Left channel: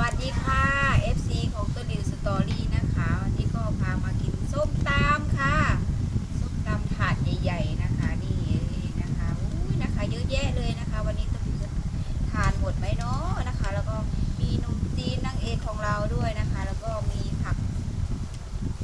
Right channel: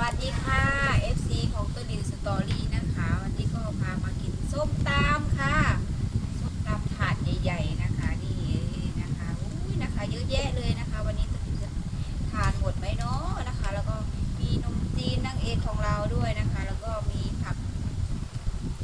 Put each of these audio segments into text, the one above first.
วัสดีค่ะ FC ของตัวดิวสตอรี่นะคะ วันนี้ก็พามากินส้มตำค่ะ ส้มตำถาดใหญ่ๆนะคะนี่นะคะอุ้ยนะคะ เยอะแยะเลยนะคะ วันนี้ตัวดิวจะทานหมดไหมเนาะนะคะ แล้วก็มีนมจีนนางเอกของเราด้วยนะคะ แล้วก็มีผัก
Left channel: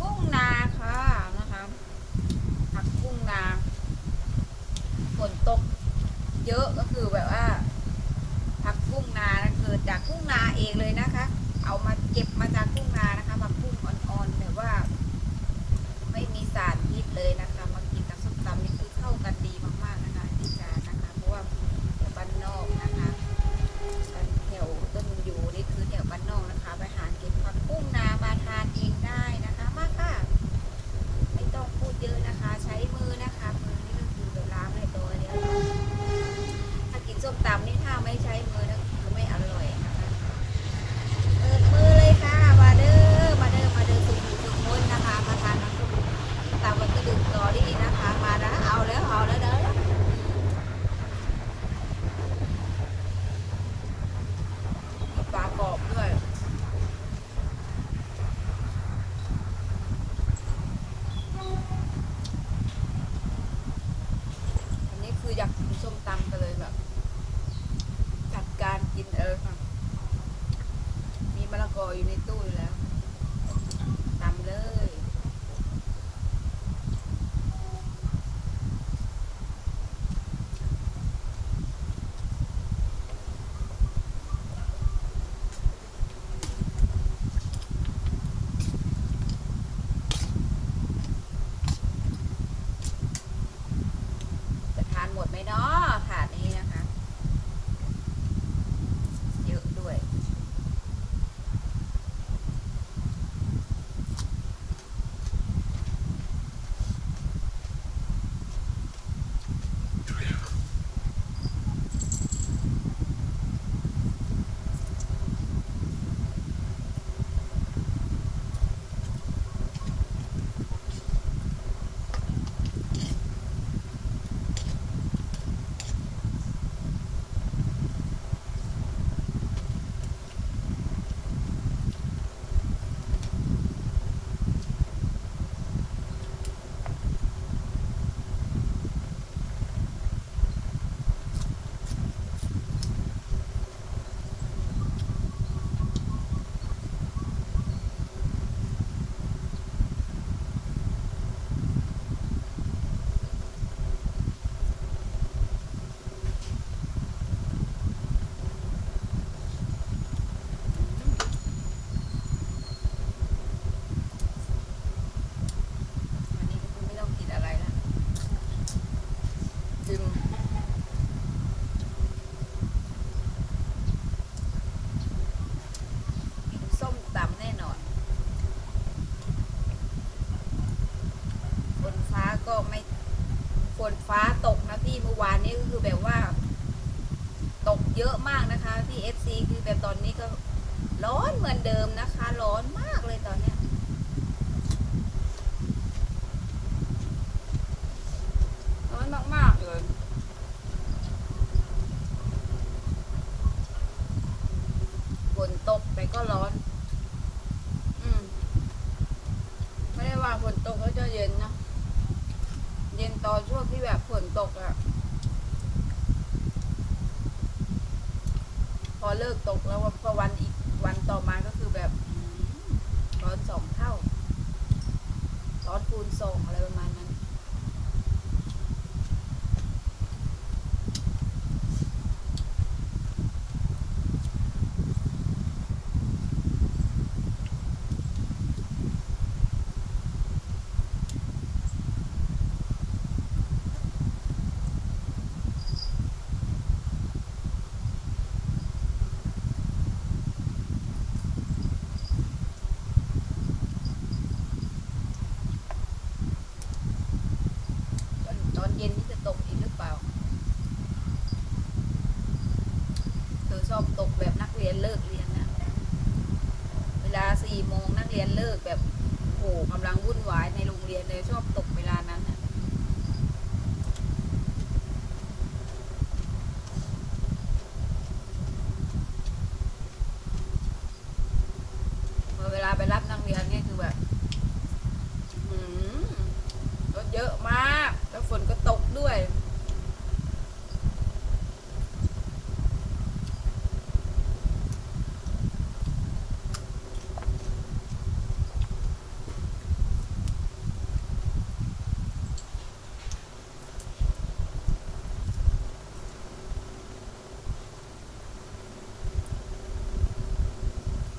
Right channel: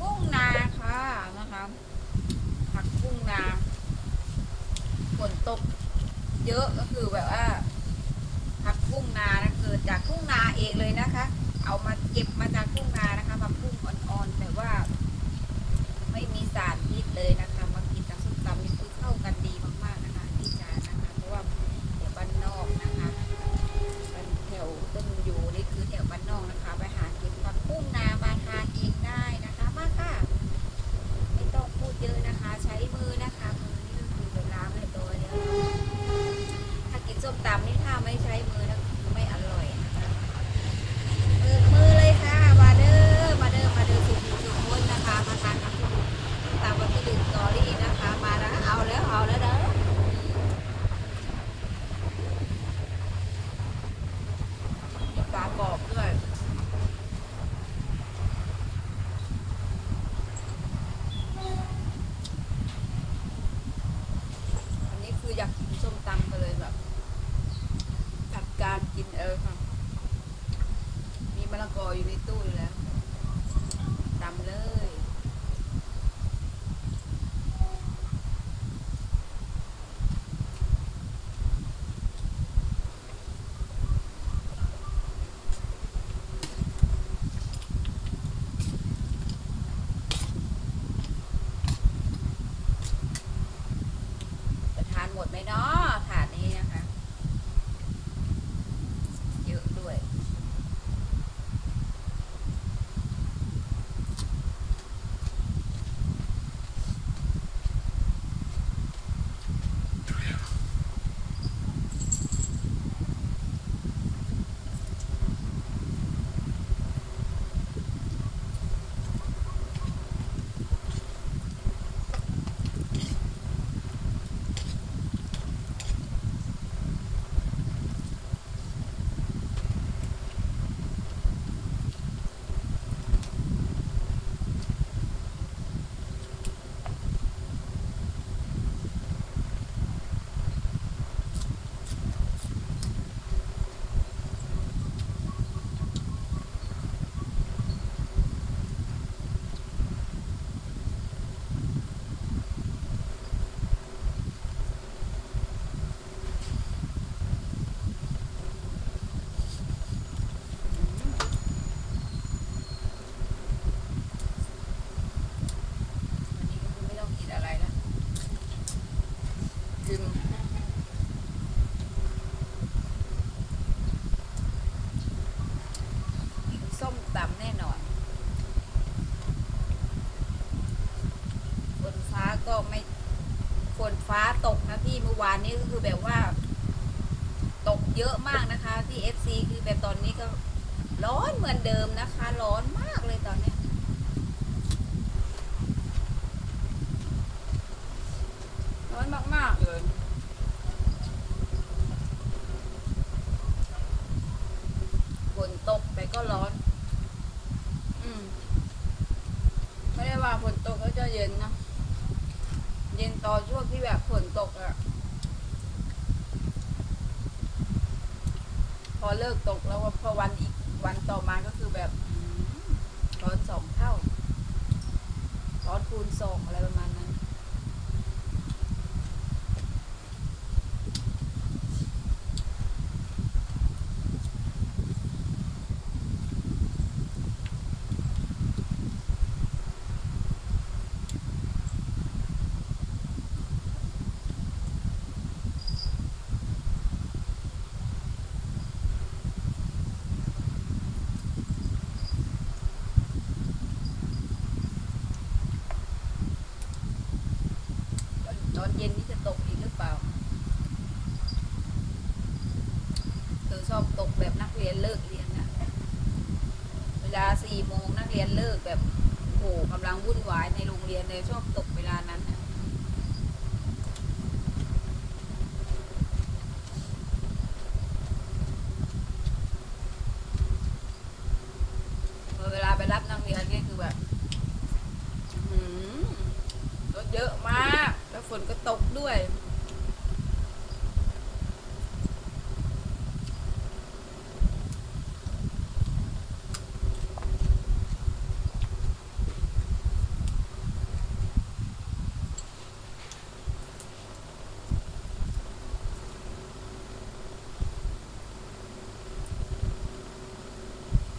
กุ้งนาค่ะนะคะ ผักกุ้งนาฝนตกเยอะก็คือแบบว่า ผักบุ้งนานะเกิดจากทุ่งนาเองเลยนะคะ เอามาเก็บมาจากทุ่งนานะคะผักบุ้งอ่อนๆแต่ว่า ไม่มีสารพิษเลยนะคะ มากินกับส้มตำนี่คือเข้ากันดีมากๆนะคะที่จานนะคะ เพราะว่าแถวบ้านนอกนะคะกันแถวต้นอยู่นี่คือแถวบ้านนอกนะคะ ไปหาเก็บผักบุ้งนามาทานเองได้นะคะ มาค่ะ ไม่ต้องพูดเยอะนะคะ ใช้มือนะคะมือนี่ก็คือไปล้างให้ตัวเดียว ถ้ากินส้มตำนี่ถ้าไม่ ใช้มือนะคือ อวานนี้ก็คือแบบว่า ตกเยอะมากนะคะที่ FC คือแบบตอนนี้ก็ร้อนเหมือนเดิมนะคะ ร้อนมากเลยตอนเนี้ยร้อนมาก ๆ เลยฝนตกแต่ก็ร้อน อืม ไม่ได้ว่าฝนตกแล้วจะเย็นนะ เย็นตอนช่วงที่แบบฝนตกอะ อเลิกตกแล้วพอวันอีกวันต่อมาก็คือแบบร้อนสองเท่าร้อนคูณสองอะไรประมาณนั้น ตอนเย็นนี่จะตกอีกหรือเปล่าเธอชอบตกแบบนักเรี ยนเลิกเรียนนะเวลาสี่โมงนักเรียนเลิกแบบโหกำลังวุ่นวายในโรงเรียนเลยชอบตกเวลานั้นนะ ครั้งนี้คือแบบอื้อหือรถเยอะมาก แล้วฝนก็ตกด้วย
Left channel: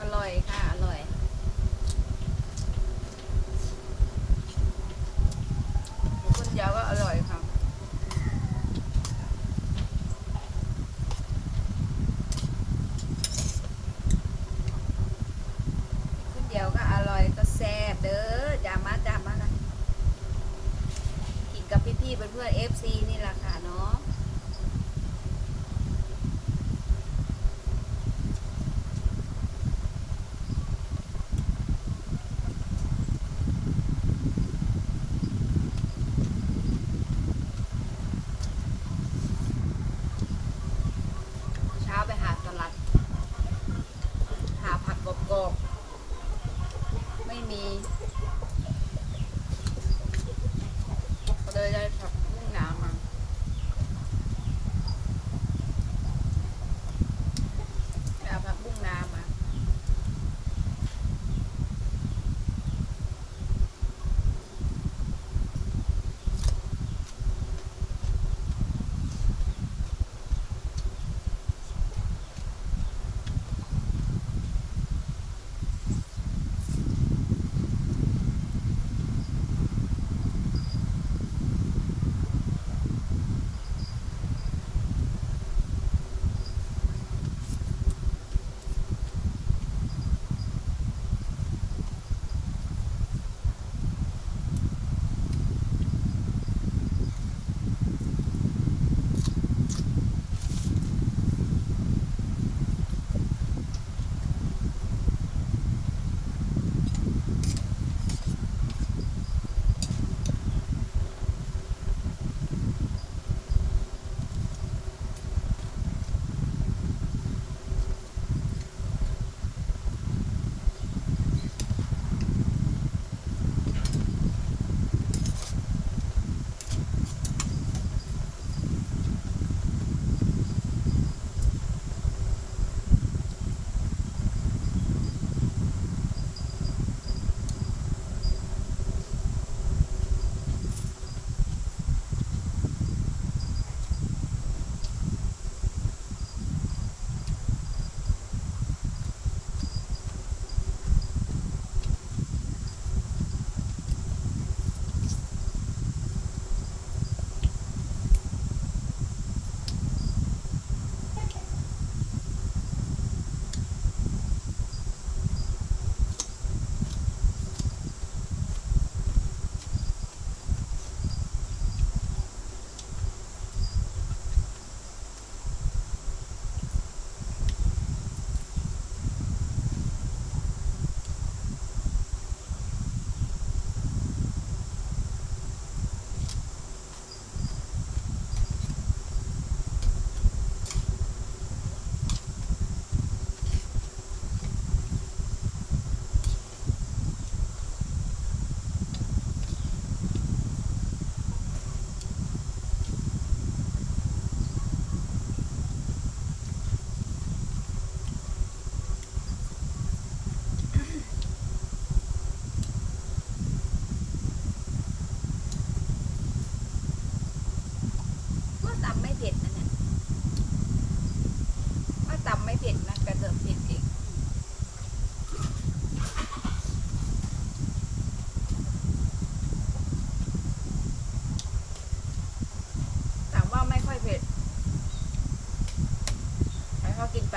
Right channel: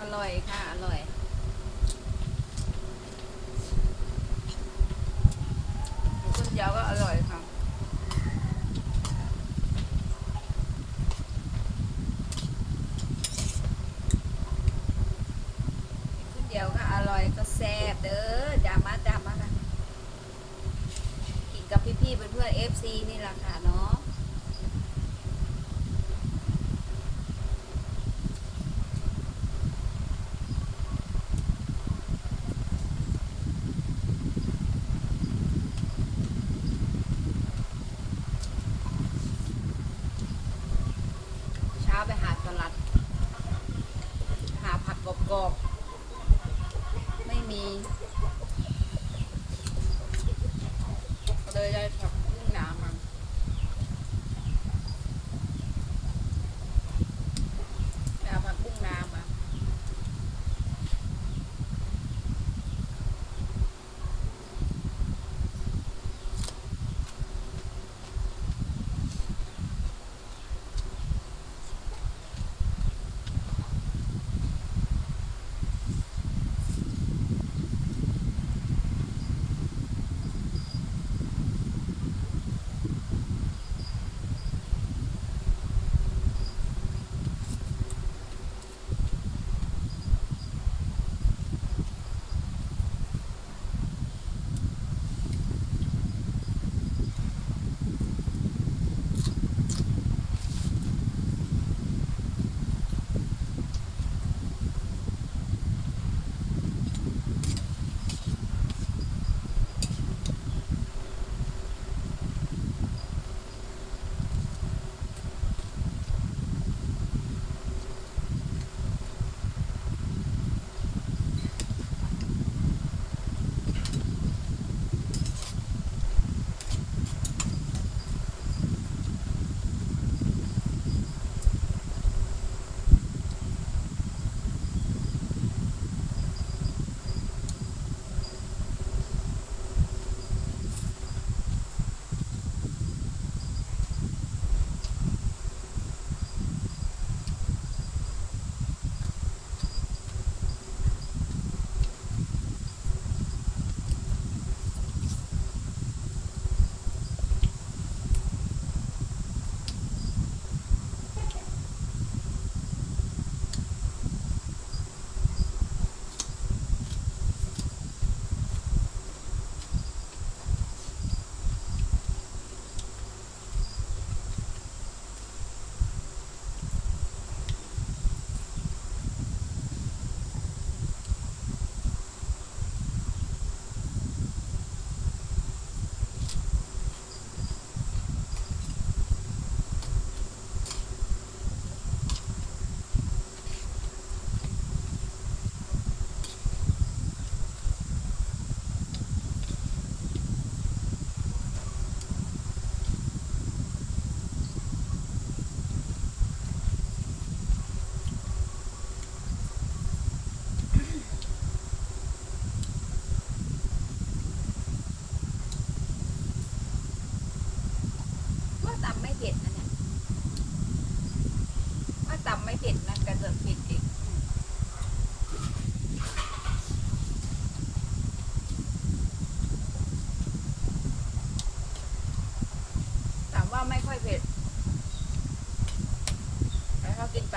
อร่อย ค่ะ อร่อย คุณยาวก็อร่อยค่ะ คุณเดียวก็อร่อยก็แซ่บเด้อจามาจามากันกินกับพี่ๆเพื่อนๆ FC นี่แหละค่ะเนาะ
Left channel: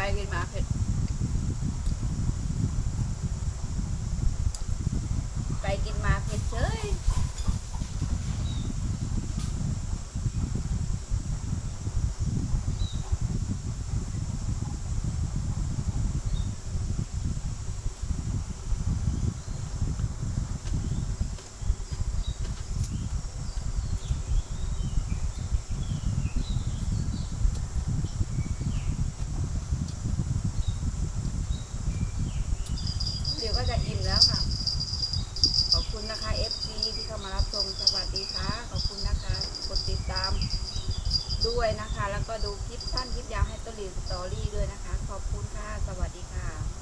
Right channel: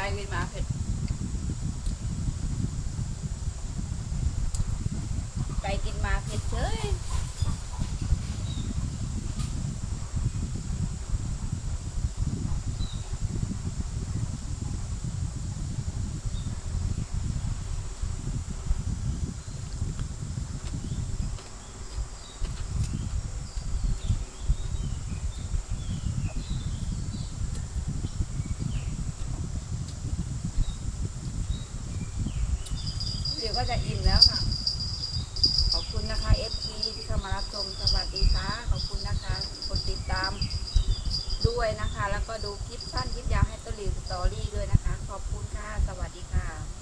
กินไปกินมาเผ็ดไปกินมาเผ็ดเฉย ก็จะอิ่มแล้วค่ะ ขอบคุณนะคะ FT ที่เข้ามารับชมสวัสดีค่ะ ขอบคุณนะคะ กดติดตามด้วยนะคะ แล้วก็ดูคลิปสั้นคลิปยาวให้ต้นรีสตอรี่ด้วยนะคะ ขอบคุณค่ะ สวัสดีค่ะ